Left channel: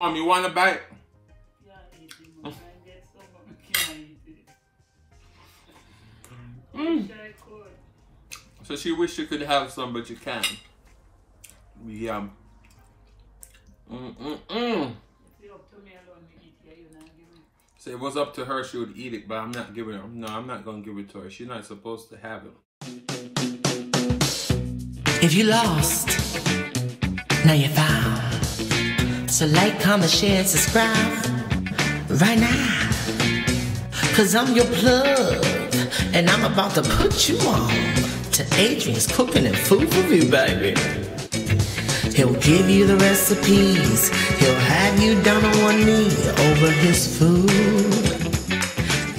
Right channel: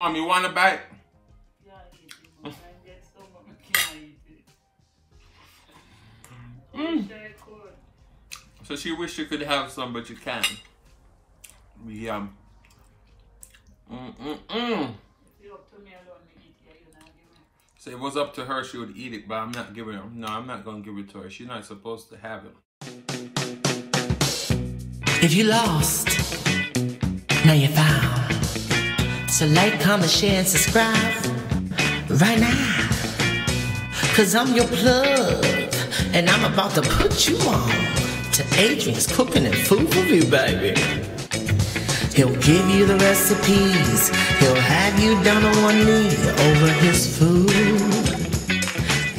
Mom, you want a bite? So she wish she could have some, but you can't. Yeah. So if it was up to her, she would eat it, but I'm not giving her. No, I'm not gonna give it to her. She's not supposed to have it. If you lost, now you're found. So like, comment, share, and subscribe right now. Cause I'm your plug, and I'm about to put you on to Adrian's Cooking and Food Review, baby. He'll give you the recipes. He'll have you down on one knee over his food.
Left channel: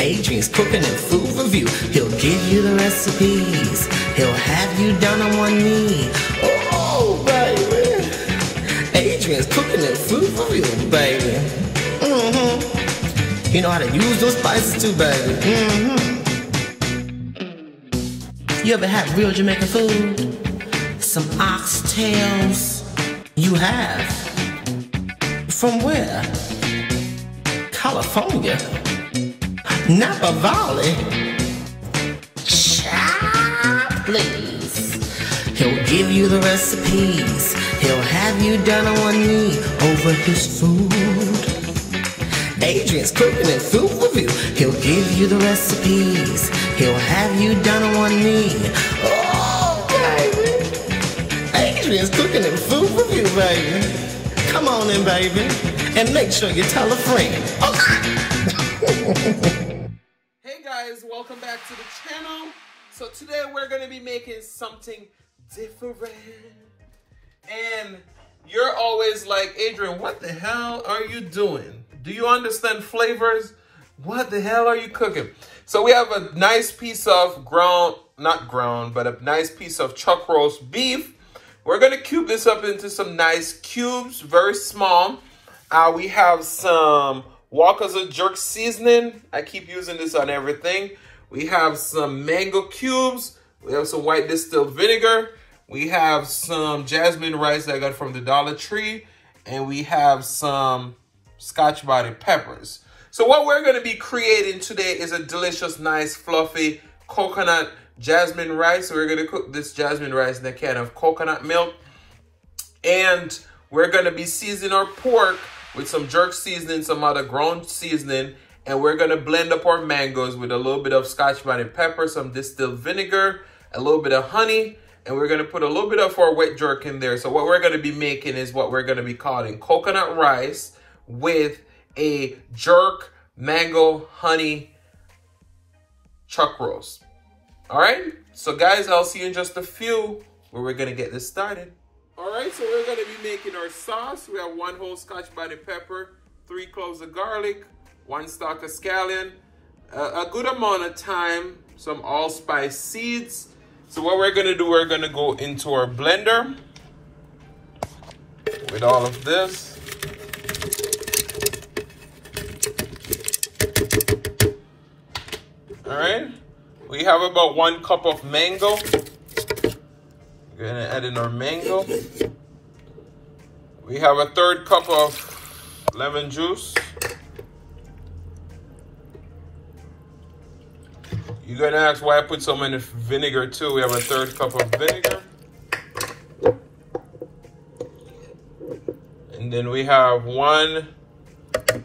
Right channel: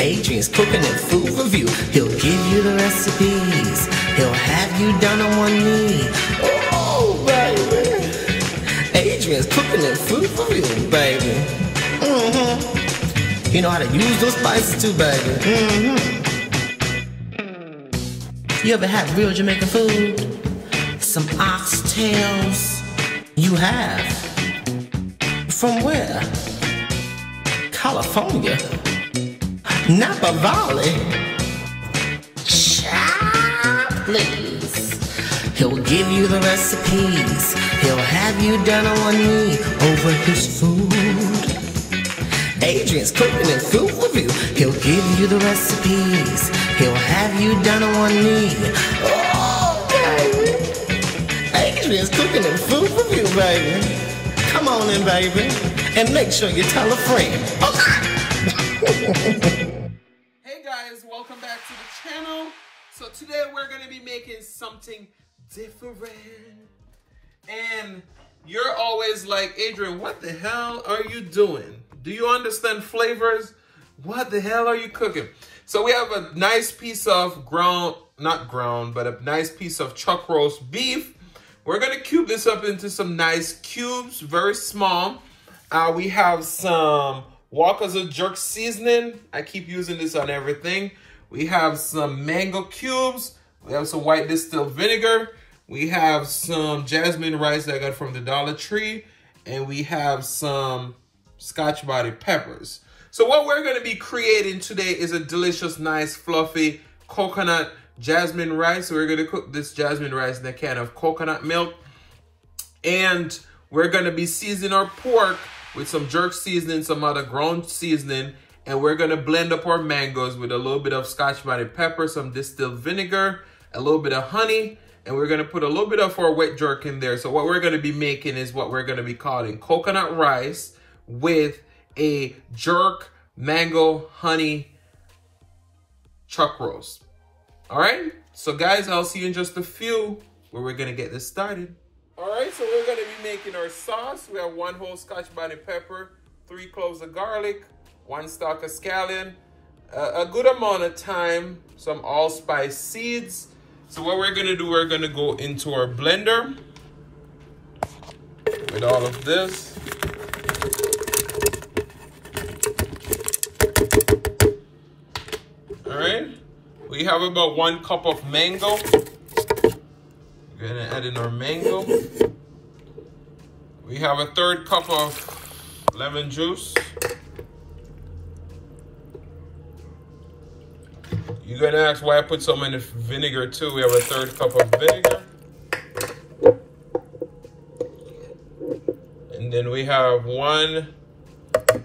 Adrian's Cooking and Food Review. He'll give you the recipes. He'll have you down on one knee. Oh, baby. Adrian's Cooking and Food Review, baby. You know how to use those spices too, baby. You ever had real Jamaican food? Some oxtails? You have? From where? California? Napa Valley? Child, please. He'll give you the recipes. He'll have you down on one knee over his food. Adrian's Cooking and Food Review. He'll give you the recipes. He'll have you down on one knee. Oh, baby. Adrian's Cooking and Food Review, baby. Come on in, baby. And make sure you tell a friend. Okay. Hey guys, welcome back to the channel. So today we're going to be making something different. And you're always like, Adrian, what the hell are you doing? Do you understand flavors? What the hell are you cooking? So we have a nice piece of not ground, but a nice piece of chuck roast beef. We're going to cube this up into some nice cubes, very small. We have some Walker's jerk seasoning. I keep using this on everything. We have some mango cubes. We have some white distilled vinegar. We have some jasmine rice that I got from the Dollar Tree. And we have some Scotch bonnet peppers. So what we're going to be creating today is a delicious, nice, fluffy coconut jasmine rice. So we're going to cook this jasmine rice in a can of coconut milk. And we're going to be seasoning our pork with some jerk seasoning, some other ground seasoning. And we're going to blend up our mangoes with a little bit of Scotch bonnet pepper, some distilled vinegar, a little bit of honey. And we're going to put a little bit of our wet jerk in there. So what we're going to be making is what we're going to be calling coconut rice with a jerk, mango, honey, chuck roast. All right, so guys, I'll see you in just a few where we're gonna get this started. All right, so we're gonna be making our sauce. We have 1 whole Scotch bonnet pepper, 3 cloves of garlic, 1 stalk of scallion, a good amount of thyme, some allspice seeds. So what we're gonna do, we're gonna go into our blender with all of this. All right, we have about 1 cup of mango. We're gonna add in our mango. We have a 1/3 cup of lemon juice. You're gonna ask why I put so much vinegar too. We have a 1/3 cup of vinegar. And then we have 1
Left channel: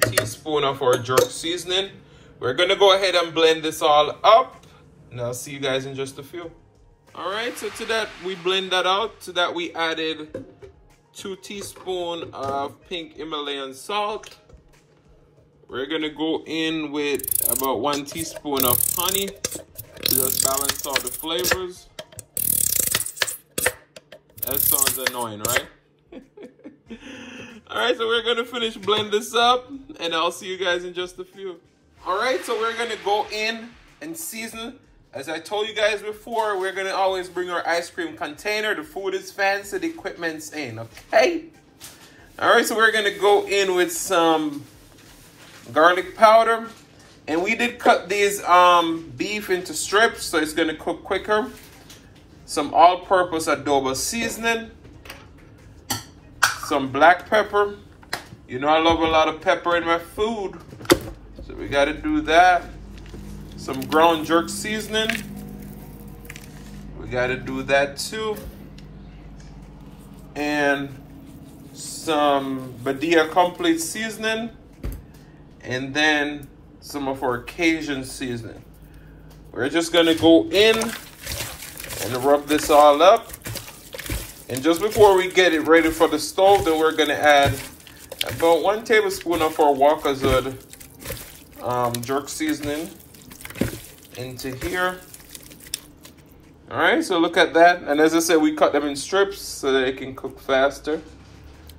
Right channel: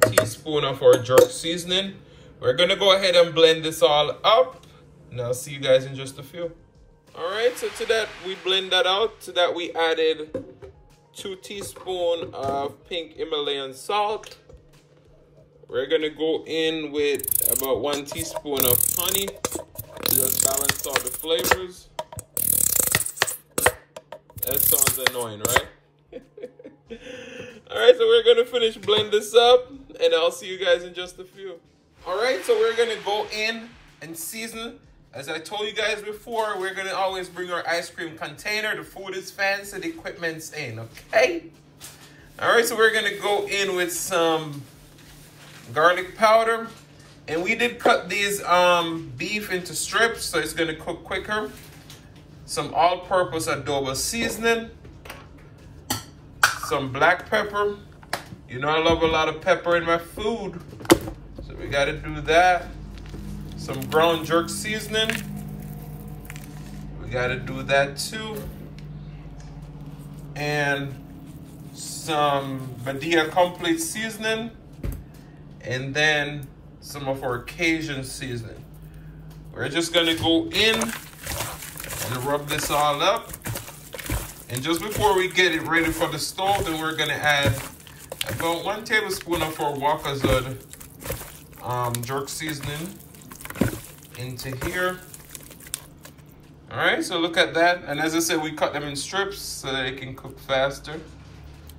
teaspoon of our jerk seasoning. We're gonna go ahead and blend this all up, and I'll see you guys in just a few. All right, so to that, we blend that out. To that, we added 2 teaspoons of pink Himalayan salt. We're gonna go in with about 1 teaspoon of honey to just balance out the flavors. That sounds annoying, right? All right, so we're gonna finish blend this up, and I'll see you guys in just a few. All right, so we're gonna go in and season. As I told you guys before, we're gonna always bring our ice cream container. The food is fancy, the equipment's in, okay? All right, so we're gonna go in with some garlic powder. And we did cut these beef into strips, so it's gonna cook quicker. Some all-purpose adobo seasoning. Some black pepper. You know I love a lot of pepper in my food. So we gotta do that. Some ground jerk seasoning. We gotta do that too. And some Badia complete seasoning. And then some of our Cajun seasoning. We're just gonna go in and rub this all up. And just before we get it ready for the stove, then we're gonna add about 1 tablespoon of our Wakazood jerk seasoning into here. All right, so look at that. And as I said, we cut them in strips so that it can cook faster.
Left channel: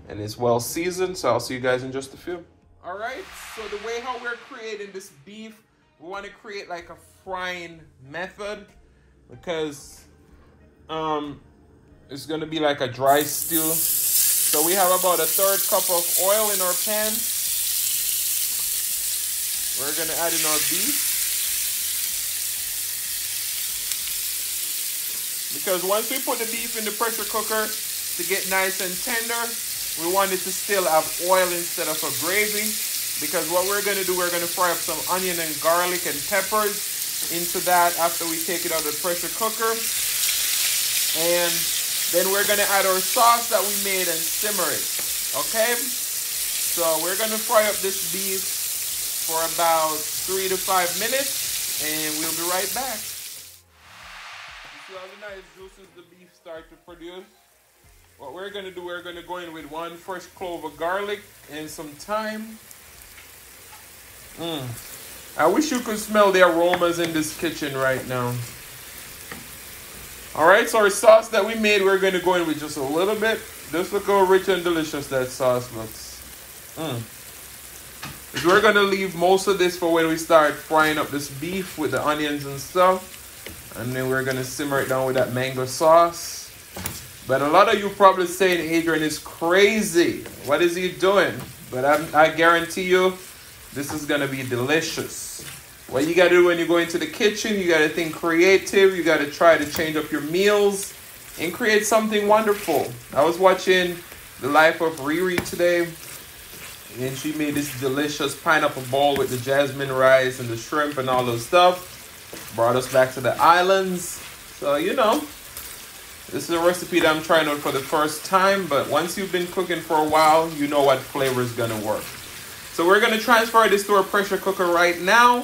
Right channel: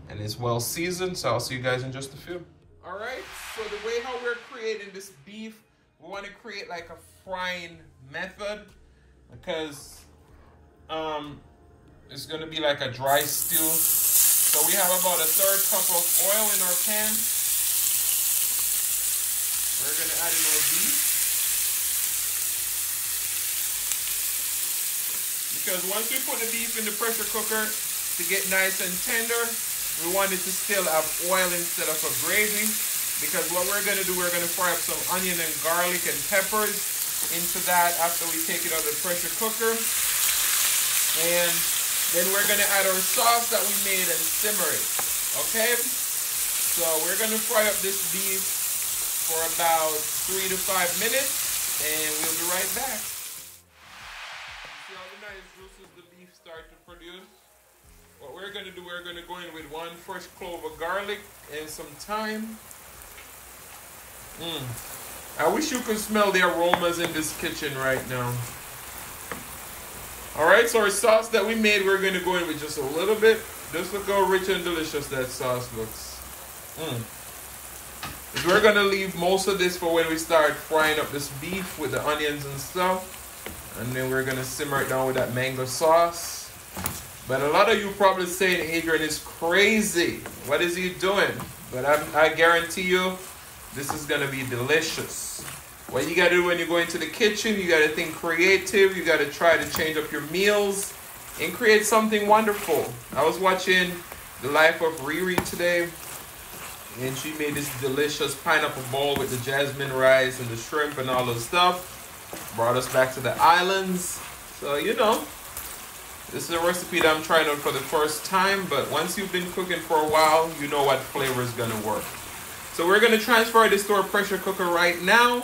And it's well seasoned, so I'll see you guys in just a few. All right, so the way how we're creating this beef, we want to create like a frying method because it's going to be like a dry stew. So we have about 1/3 cup of oil in our pan. We're going to add in our beef. Because once we put the beef in the pressure cooker to get nice and tender, we want it to still have oil instead of a gravy. Because what we're going to do, we're going to fry up some onion and garlic and peppers into that after we take it out of the pressure cooker. And then we're going to add our sauce that we made and simmer it. Okay? So we're going to fry up this beef for about 3 to 5 minutes. And we'll be right back. You see all the nice juices the beef start to produce? What we're going to do, we're going to go in with 1 fresh clove of garlic and some thyme. I wish you could smell the aromas in this kitchen right now. All right, so our sauce that we made, we're going to go in with just a little bit. Just look how rich and delicious that sauce looks. Because we're going to leave most of this for when we start frying up this beef with the onions and stuff. And then we're going to simmer it down with that mango sauce. But a lot of you probably saying, Adrian is crazy. What is he doing? But I guarantee you, this is going to be delicious. What you got to do when you go into the kitchen, you got to think creative. You got to try to change up your meals and create something wonderful. I was watching the life of Riri today, and she made this delicious pineapple bowl with the jasmine rice and the shrimp and all this stuff. Brought us back to the islands. So, you know, this is a recipe that I'm trying out for the first time, but once you've been cooking for a while, you know what flavor is going to work. So we're going to transfer this to our pressure cooker right now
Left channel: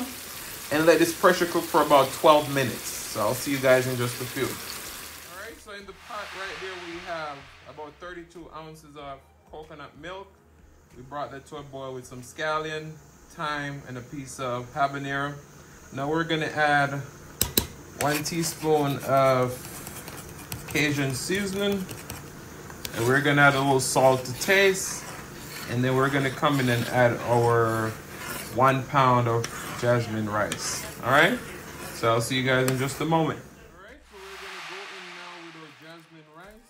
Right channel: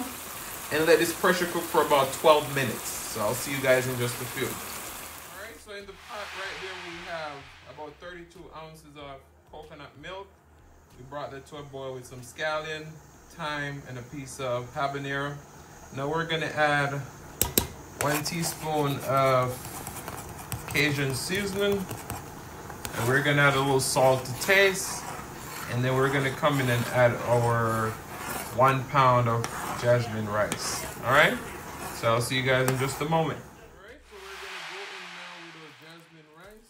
and let this pressure cook for about 12 minutes. So I'll see you guys in just a few. All right, so in the pot right here, we have about 32 ounces of coconut milk. We brought that to a boil with some scallion, thyme, and a piece of habanero. Now we're going to add 1 teaspoon of Cajun seasoning. And we're going to add a little salt to taste. And then we're going to come in and add our 1 pound of jasmine rice. All right? So I'll see you guys in just a moment. All right, so we're going to go in now with our jasmine rice.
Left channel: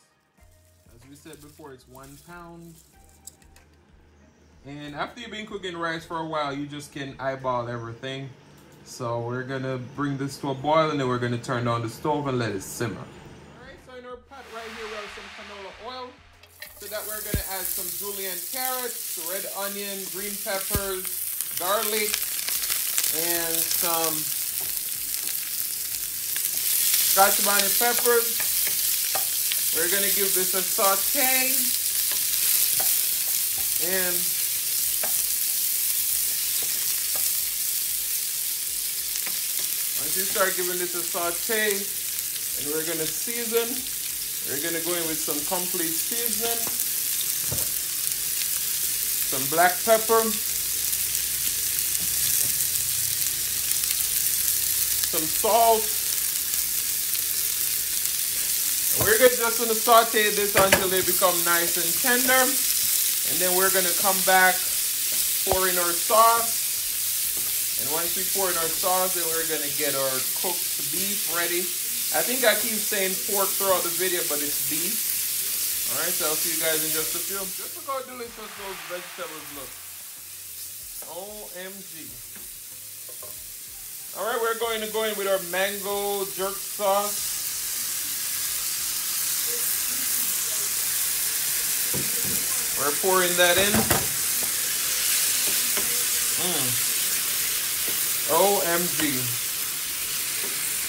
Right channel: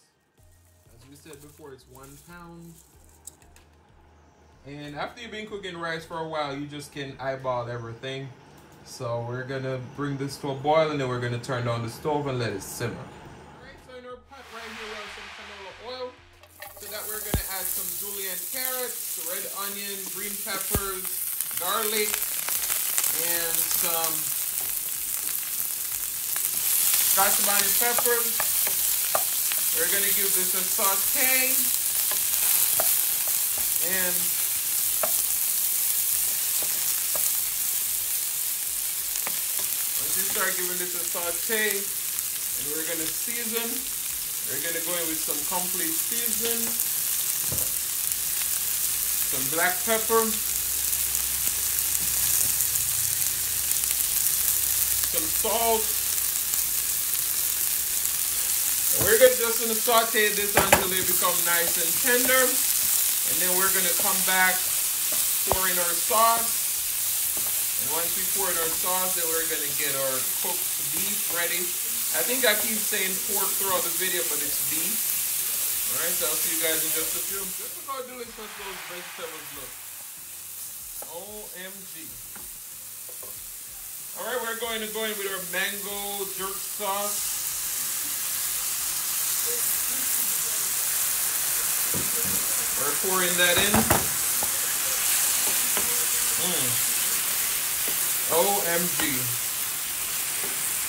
As we said before, it's 1 pound. And after you've been cooking rice for a while, you just can eyeball everything. So we're going to bring this to a boil, and then we're going to turn down the stove and let it simmer. All right, so in our pot right here, we have some canola oil. To that, we're going to add some julienne carrots, red onion, green peppers, garlic, and some scotch bonnet peppers. We're going to give this a saute. And once you start giving this a saute, and we're going to season. We're going to go in with some complete seasoning, some black pepper, some salt. And we're just going to saute this until they become nice and tender. And then we're going to come back, pour in our sauce. And once we pour in our sauce, then we're going to get our cooked beef ready. I think I keep saying pork throughout the video, but it's beef. All right, so I'll see you guys in just a few. Just look how delicious those vegetables look. OMG. All right, we're going to go in with our mango jerk sauce. We're pouring that in. OMG.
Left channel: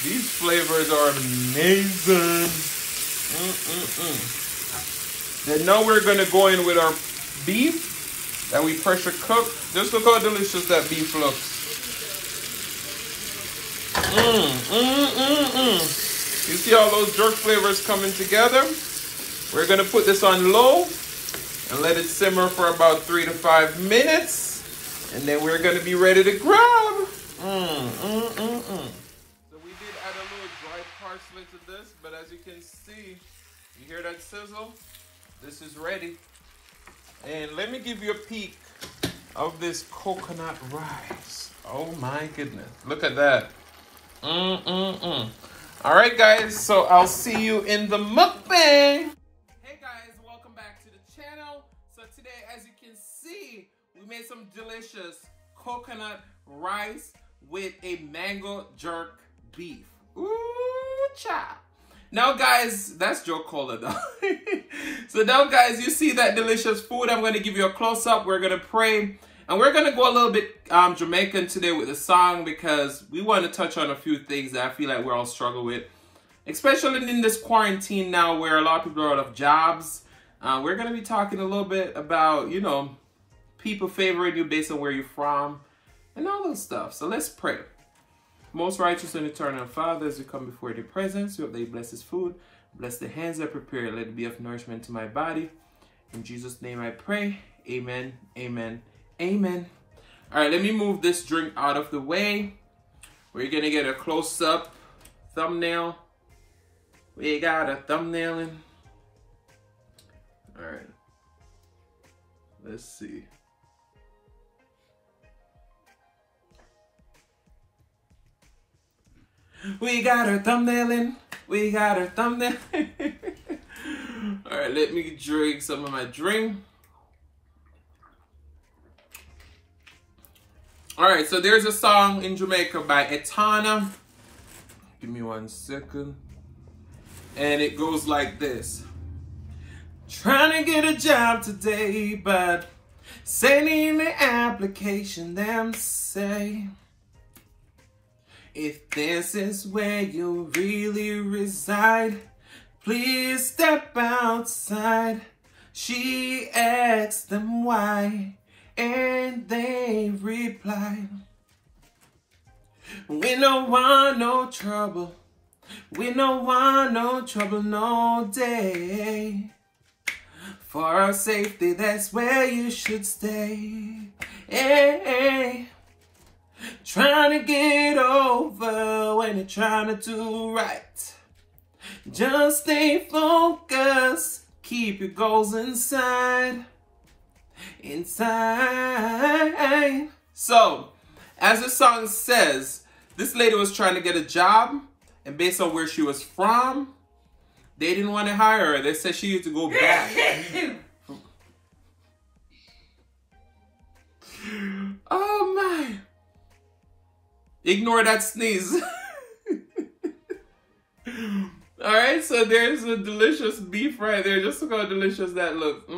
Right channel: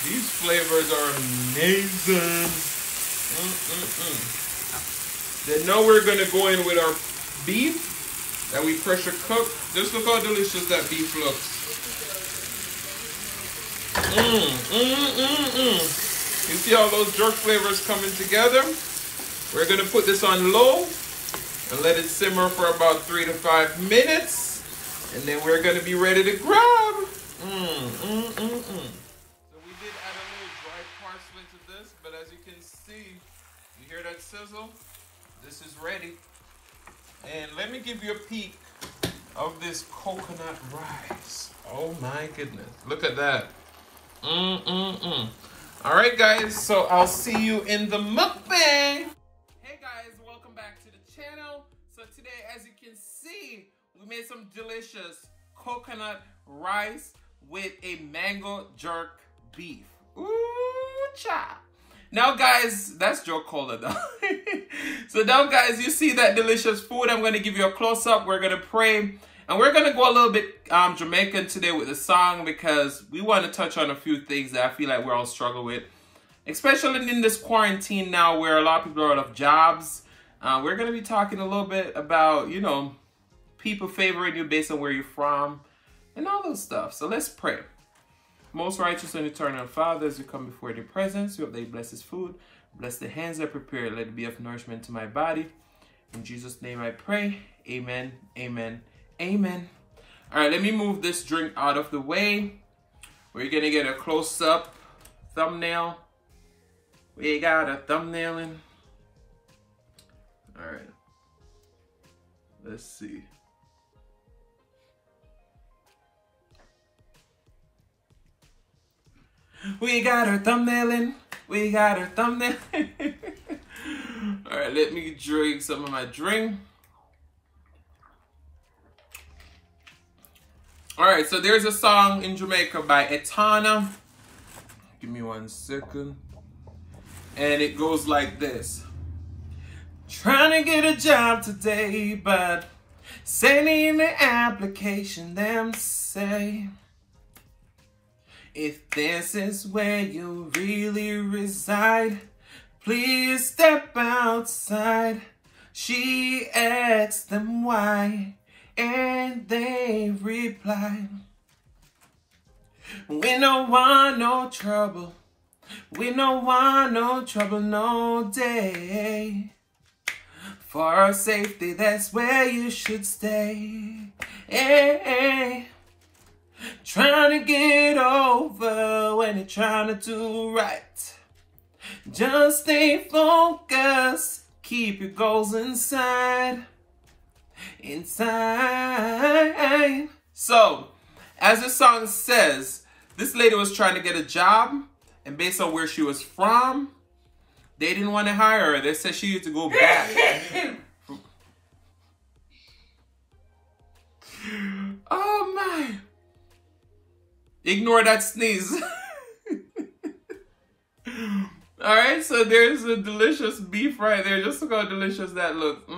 These flavors are amazing. Then now we're gonna go in with our beef that we pressure cooked. Just look how delicious that beef looks. You see all those jerk flavors coming together? We're gonna put this on low and let it simmer for about 3 to 5 minutes. And then we're gonna be ready to grab. So we did add a little dried parsley to this, but as you can see, you hear that sizzle? This is ready. And let me give you a peek of this coconut rice. Oh my goodness, look at that. All right, guys, so I'll see you in the mukbang. Hey guys, welcome back to the channel. So today, as you can see, we made some delicious coconut rice with a mango jerk beef. Ooh, cha. Now guys, that's Joe Cola though. So now guys, you see that delicious food. I'm gonna give you a close up. We're gonna pray. And we're gonna go a little bit Jamaican today with the song because we want to touch on a few things that I feel like we're all struggle with. Especially in this quarantine now where a lot of people are out of jobs. We're gonna be talking a little bit about, you know, people favoring you based on where you're from and all those stuff. So let's pray. Most righteous and eternal Father, as you come before your presence, we hope that you bless this food. Bless the hands that prepare. Let it be of nourishment to my body. In Jesus' name I pray. Amen. Amen. Amen. All right, let me move this drink out of the way. We're going to get a close-up thumbnail. We got a thumbnail in. All right. Let's see. We got our thumbnail in. We got our thumbnail in. All right, let me drink some of my drink. All right, so there's a song in Jamaica by Etana. Give me 1 second. And it goes like this. Trying to get a job today, but sending the application, them say, if this is where you really reside, please step outside. She asked them why, and they replied, we don't want no trouble. We don't want no trouble no day. For our safety, that's where you should stay. Hey. Trying to get over when you're trying to do right. Just stay focused. Keep your goals inside. Inside. So, as the song says, this lady was trying to get a job. And based on where she was from, they didn't want to hire her. They said she had to go back. Oh my. Ignore that sneeze. All right, so there's a delicious beef right there. Just look how delicious that looks.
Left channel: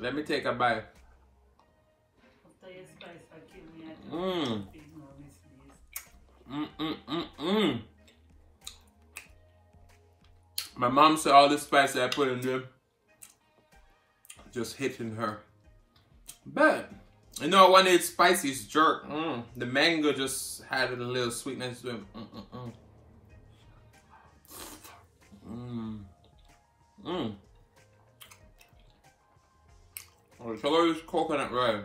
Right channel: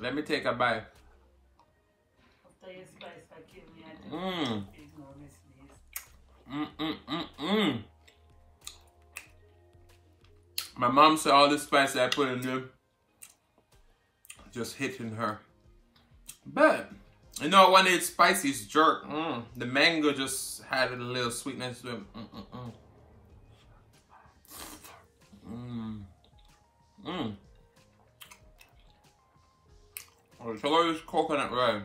Let me take a bite. My mom said all the spice I put in there just hitting her. But you know, when it's spicy, it's jerk. The mango just had a little sweetness to it. Oh, so all this coconut rice.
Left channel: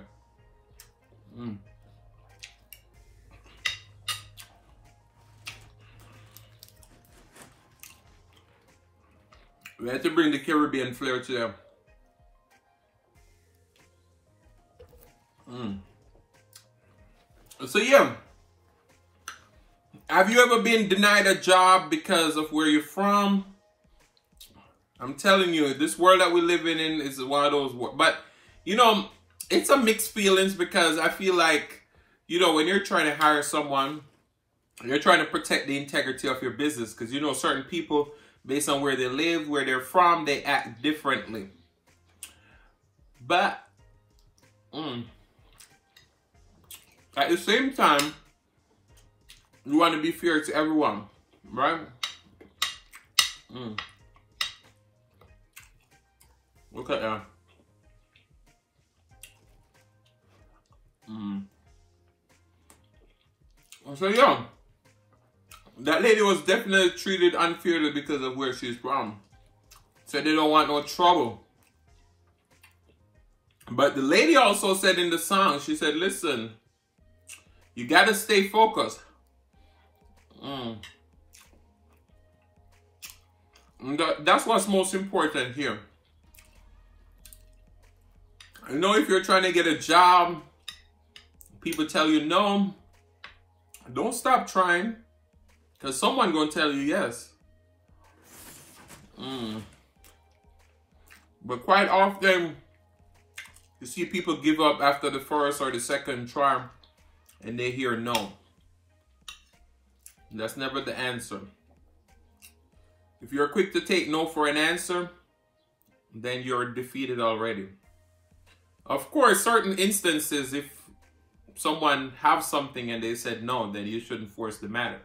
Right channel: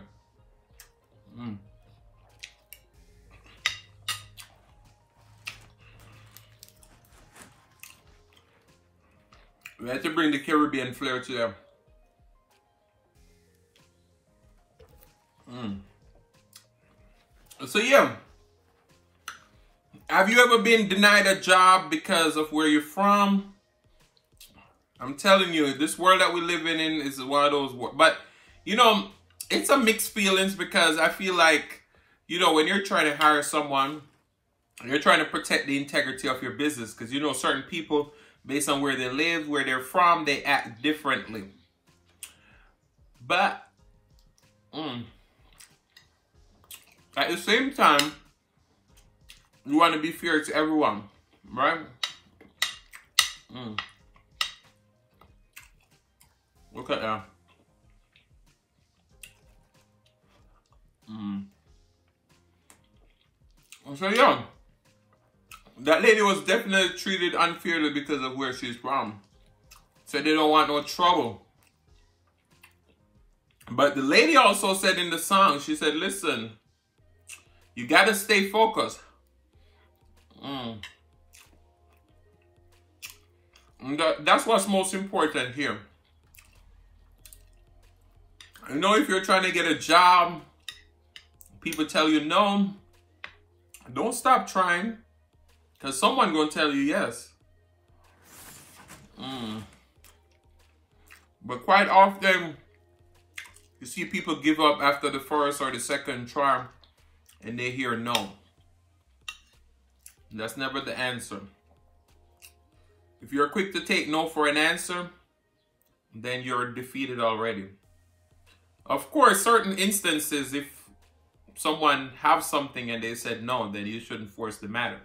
We have to bring the Caribbean flair to them. So yeah, have you ever been denied a job because of where you're from? I'm telling you, this world that we live in is one of those worlds. But, you know, it's a mixed feelings because I feel like, you know, when you're trying to hire someone, you're trying to protect the integrity of your business. Because, you know, certain people, based on where they live, where they're from, they act differently. But, at the same time, you want to be fair to everyone, right? Look at that. So yeah, that lady was definitely treated unfairly because of where she's from. Said they don't want no trouble. But the lady also said in the song, she said, listen, you gotta stay focused. That's what's most important here. You know, if you're trying to get a job, people tell you no, don't stop trying, because someone gonna tell you yes. But quite often, you see people give up after the first or the second try, and they hear no. That's never the answer. If you're quick to take no for an answer, then you're defeated already. Of course, certain instances, if someone have something and they said no, then you shouldn't force the matter.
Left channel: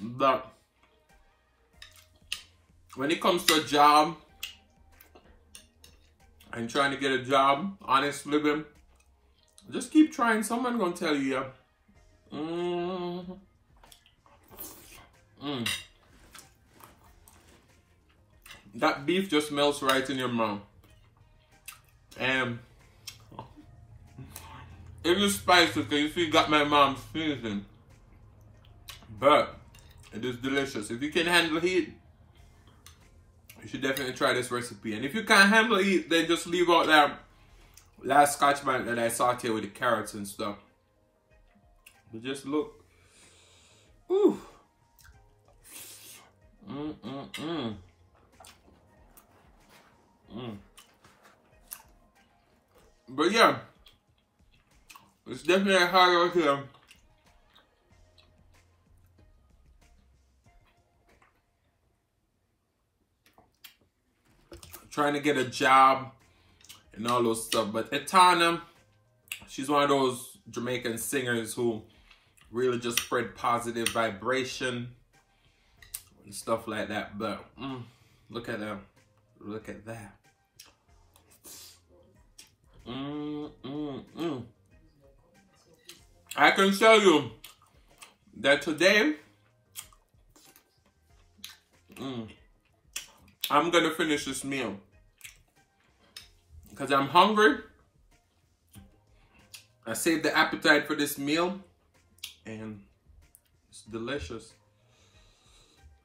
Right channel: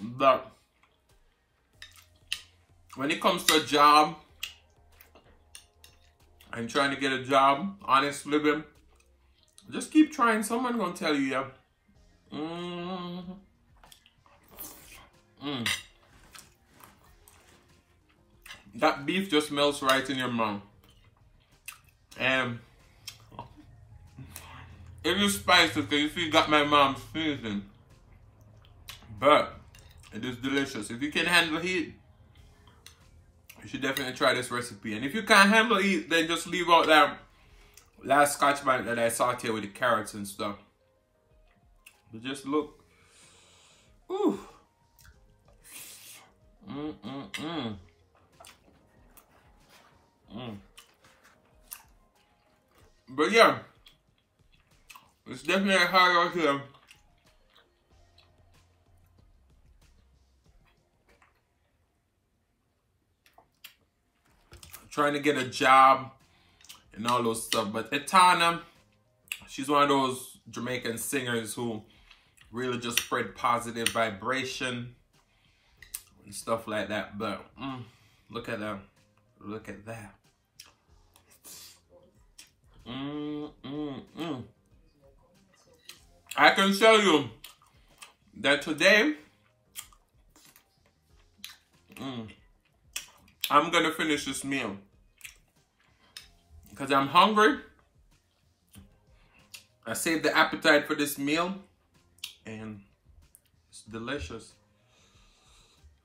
But when it comes to a job and trying to get a job, honest living, just keep trying. Someone gonna tell you yeah. That beef just melts right in your mouth. And it is spicy because you see, got my mom's seasoning. But it is delicious. If you can handle heat, you should definitely try this recipe. And if you can't handle heat, then just leave out that last scotch bonnet that I sauté with the carrots and stuff. But just look. Ooh. But yeah, it's definitely hard out here. Trying to get a job and all those stuff. But Etana, she's one of those Jamaican singers who really just spread positive vibration and stuff like that. But look at that. Look at that. I can tell you that today I'm gonna finish this meal because I'm hungry. I saved the appetite for this meal and it's delicious.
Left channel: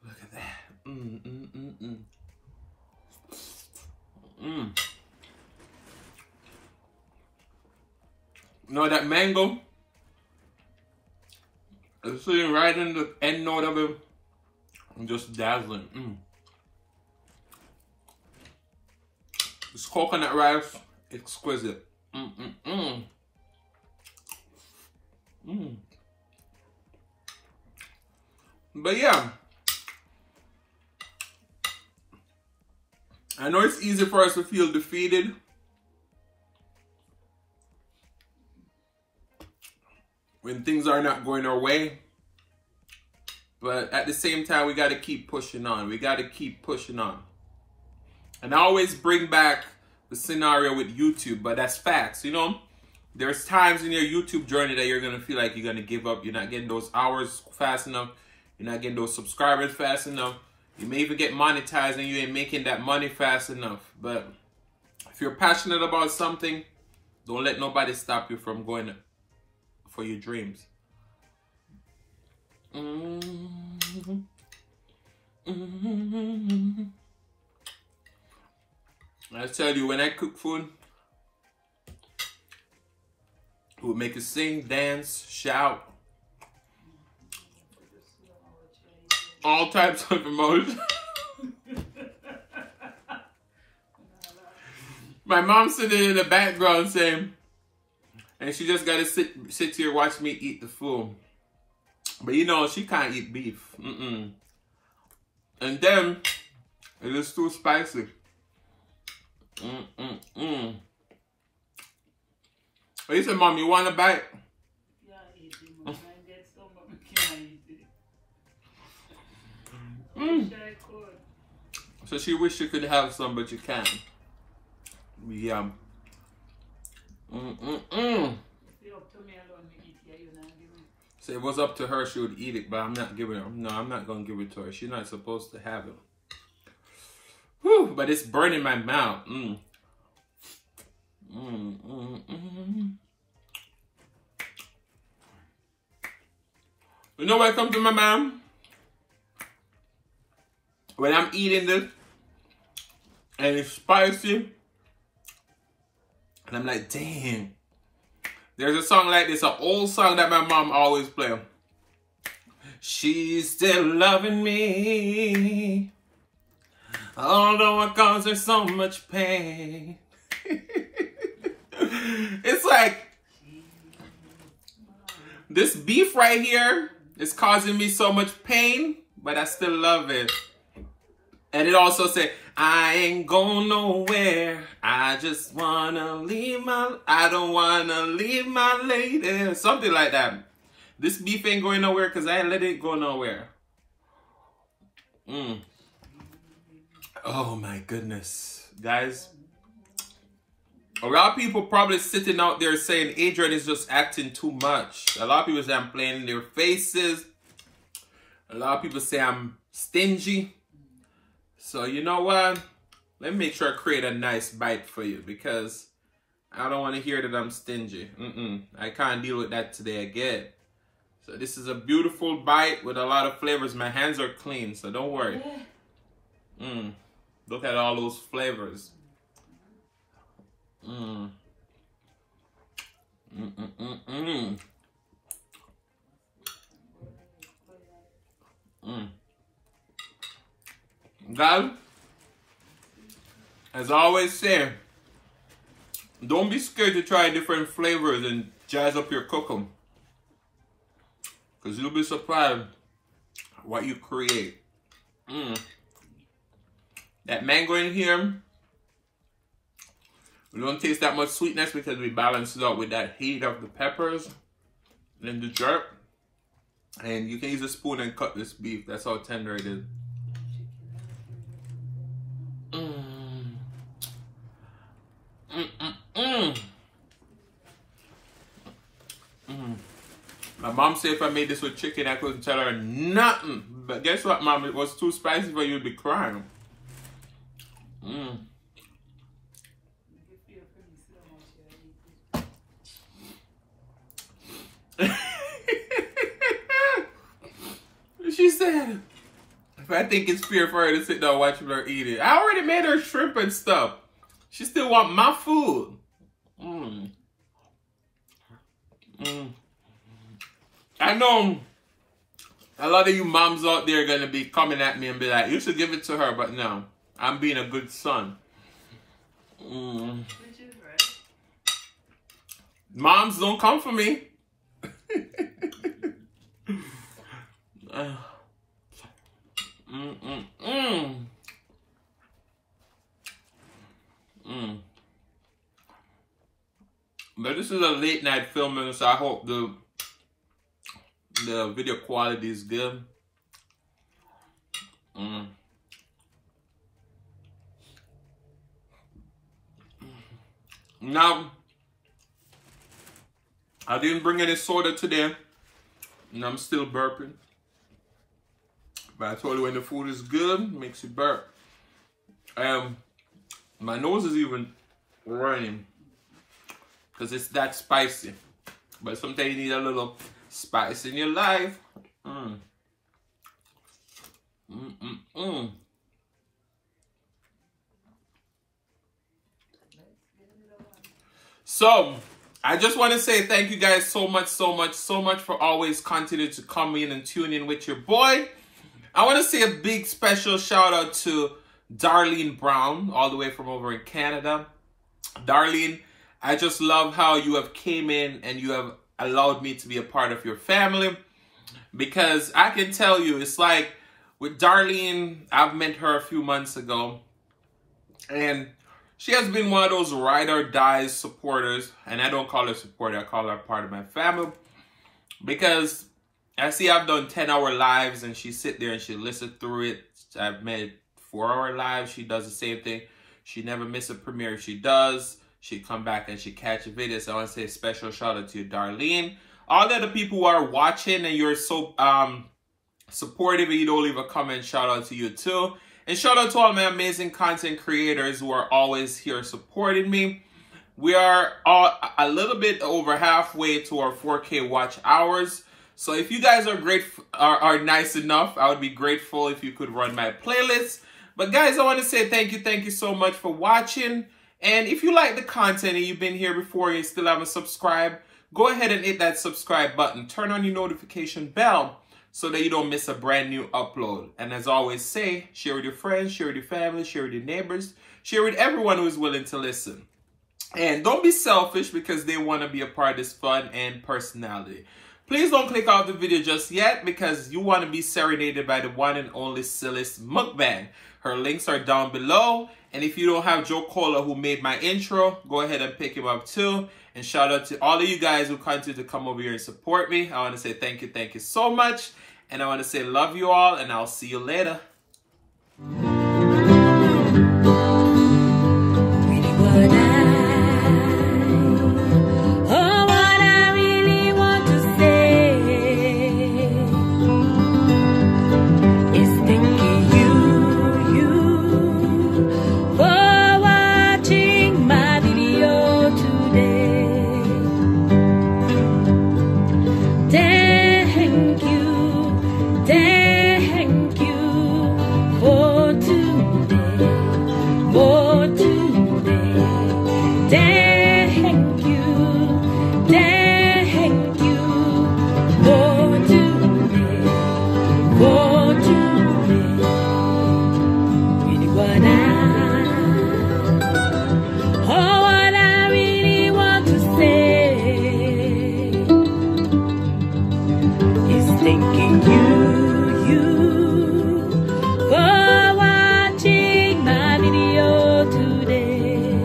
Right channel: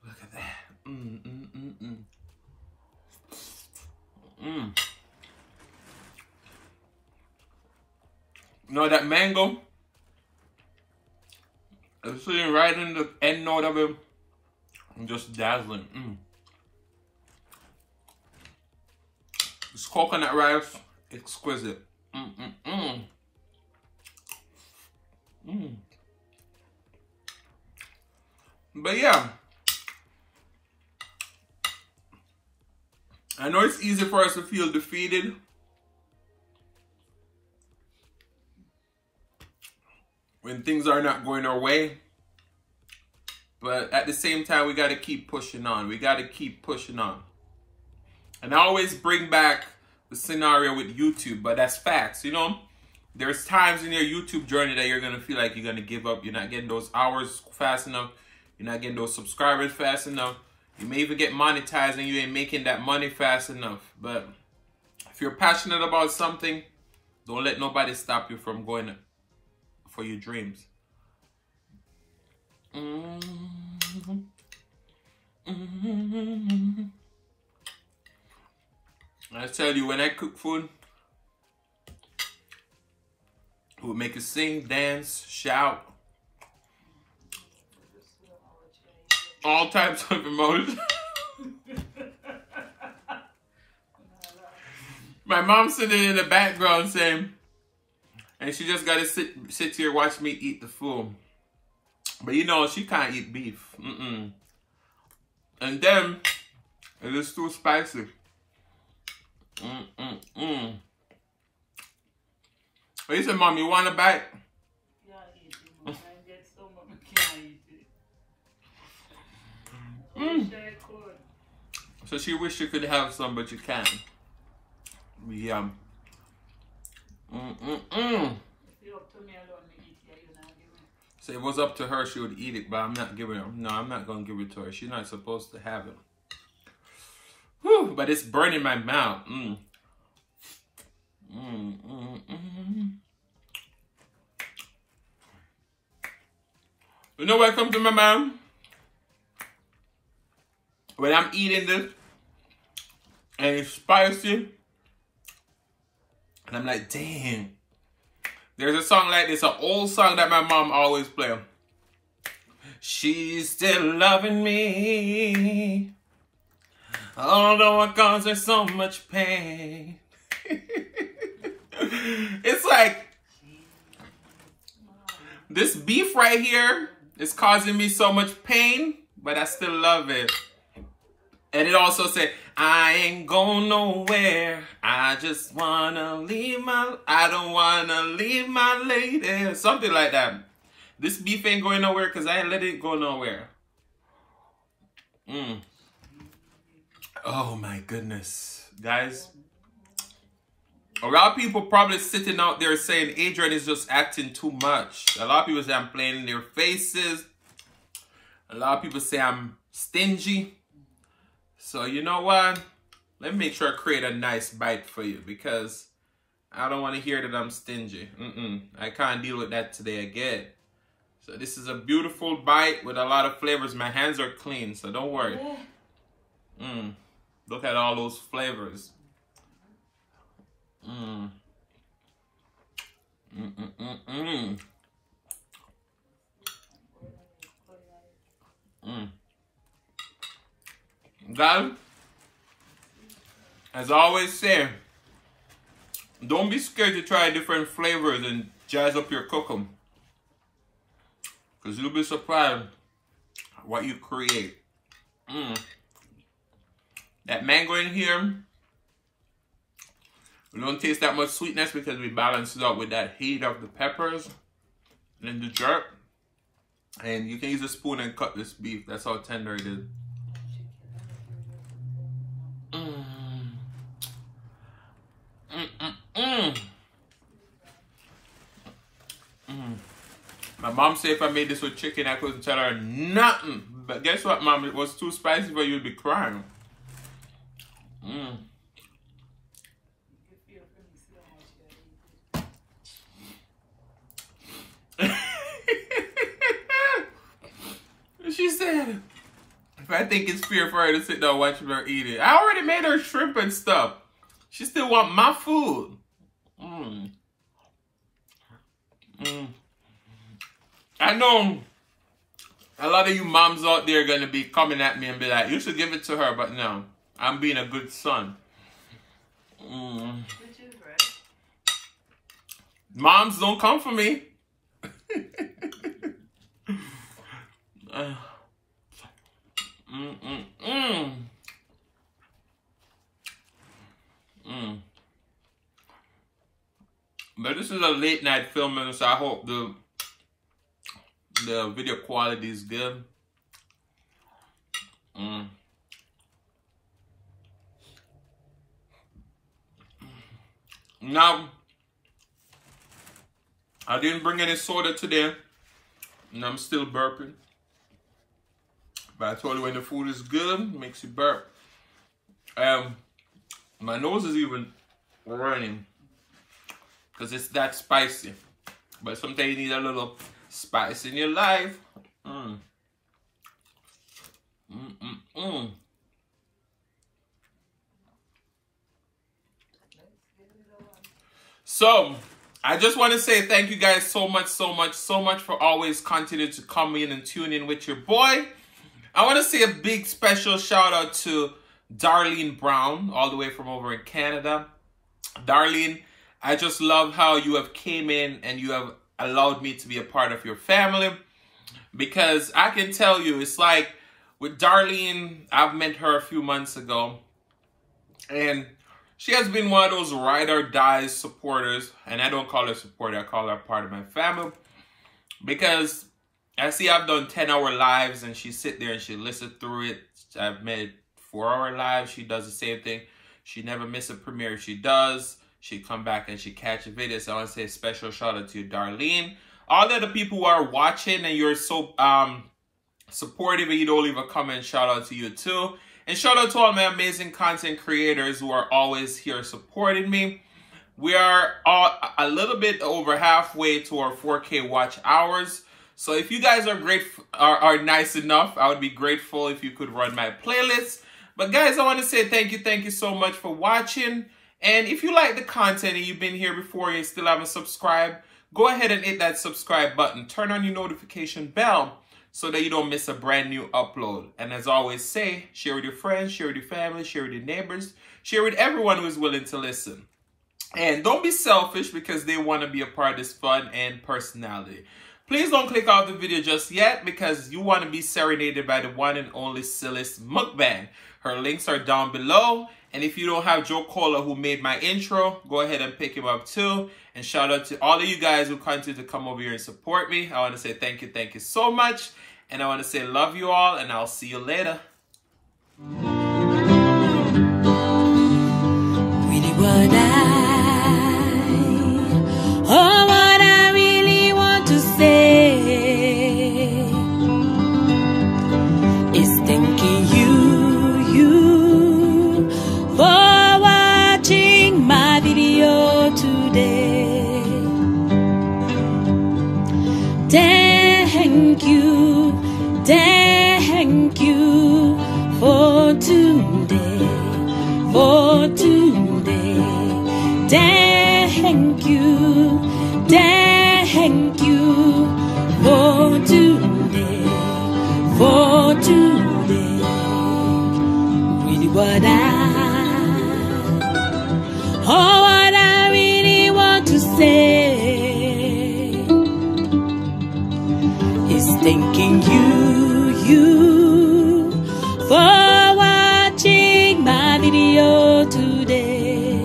Look at that. You know, that mango is sitting right in the end note of it and just dazzling. This coconut rice, exquisite. But yeah, I know it's easy for us to feel defeated. When things are not going our way. But at the same time, we got to keep pushing on. We got to keep pushing on. And I always bring back the scenario with YouTube, but that's facts, you know? There's times in your YouTube journey that you're going to feel like you're going to give up. You're not getting those hours fast enough. You're not getting those subscribers fast enough. You may even get monetized and you ain't making that money fast enough. But if you're passionate about something, don't let nobody stop you from going for your dreams. I tell you, when I cook food, it will make you sing, dance, shout, all types of emotions. My mom's sitting in the background saying, and she just gotta sit here watch me eat the food. But you know, she can't eat beef. And then, it is too spicy. But he said, Mom, you want a bite? So she wish she could have some, but you can't. Yeah. So it was up to her, she would eat it, but I'm not giving her. No, I'm not going to give it to her. She's not supposed to have it. Whew, but it's burning my mouth. You know what comes to my mind? When I'm eating this, and it's spicy, and I'm like, dang. There's a song like this, an old song that my mom always play. She's still loving me, although I caused her so much pain. It's like, this beef right here is causing me so much pain, but I still love it. And it also said, I ain't going nowhere. I just wanna leave I don't wanna leave my lady. Something like that. This beef ain't going nowhere because I let it go nowhere. Oh my goodness. Guys, a lot of people probably sitting out there saying Adrian is just acting too much. A lot of people say I'm playing in their faces. A lot of people say I'm stingy. So you know what? Let me make sure I create a nice bite for you because I don't want to hear that I'm stingy. I can't deal with that today again. So this is a beautiful bite with a lot of flavors. My hands are clean, so don't worry. Look at all those flavors. Guys, as I always say, don't be scared to try different flavors and jazz up your cooking. Because you'll be surprised what you create. That mango in here, we don't taste that much sweetness because we balance it out with that heat of the peppers and the jerk. And you can use a spoon and cut this beef. That's how tender it is. My mom said if I made this with chicken, I couldn't tell her nothing. But guess what, Mom? It was too spicy for you to be crying. She said, if I think it's fair for her to sit down watching her eat it. I already made her shrimp and stuff. She still want my food. I know a lot of you moms out there are going to be coming at me and be like, you should give it to her, but no. I'm being a good son. Moms, don't come for me. But this is a late night filming, so I hope the video quality is good. Now, I didn't bring any soda today, and I'm still burping. But I told you when the food is good, it makes you burp. My nose is even running because it's that spicy. But sometimes you need a little spice in your life. So, I just want to say thank you guys so much for always continuing to come in and tune in with your boy. I want to say a big special shout out to Darlene Brown, all the way from over in Canada. Darlene, I just love how you have came in and you have allowed me to be a part of your family. Because I can tell you, it's like with Darlene, I've met her a few months ago. And she has been one of those ride or die supporters. And I don't call her supporter, I call her part of my family. Because I see I've done 10-hour lives and she sit there and she listen through it. I've made 4-hour lives. She does the same thing. She never misses a premiere. She does. She come back and she catch a video. So I want to say a special shout out to you, Darlene. All the other people who are watching and you're so supportive and you don't leave a comment, shout out to you too. And shout out to all my amazing content creators who are always here supporting me. We are all a little bit over halfway to our 4K watch hours. So if you guys are nice enough, I would be grateful if you could run my playlist. But guys, I want to say thank you so much for watching. And if you like the content and you've been here before and you still haven't subscribed, go ahead and hit that subscribe button. Turn on your notification bell so that you don't miss a brand new upload. And as I always say, share with your friends, share with your family, share with your neighbors, share with everyone who is willing to listen. And don't be selfish because they want to be a part of this fun and personality. Please don't click off the video just yet because you want to be serenaded by the one and only Silis Mukbang. Her links are down below. And if you don't have Joe Cola who made my intro, go ahead and pick him up too. And shout out to all of you guys who continue to come over here and support me. I want to say thank you so much. And I want to say love you all and I'll see you later. Thanking you for watching my video today.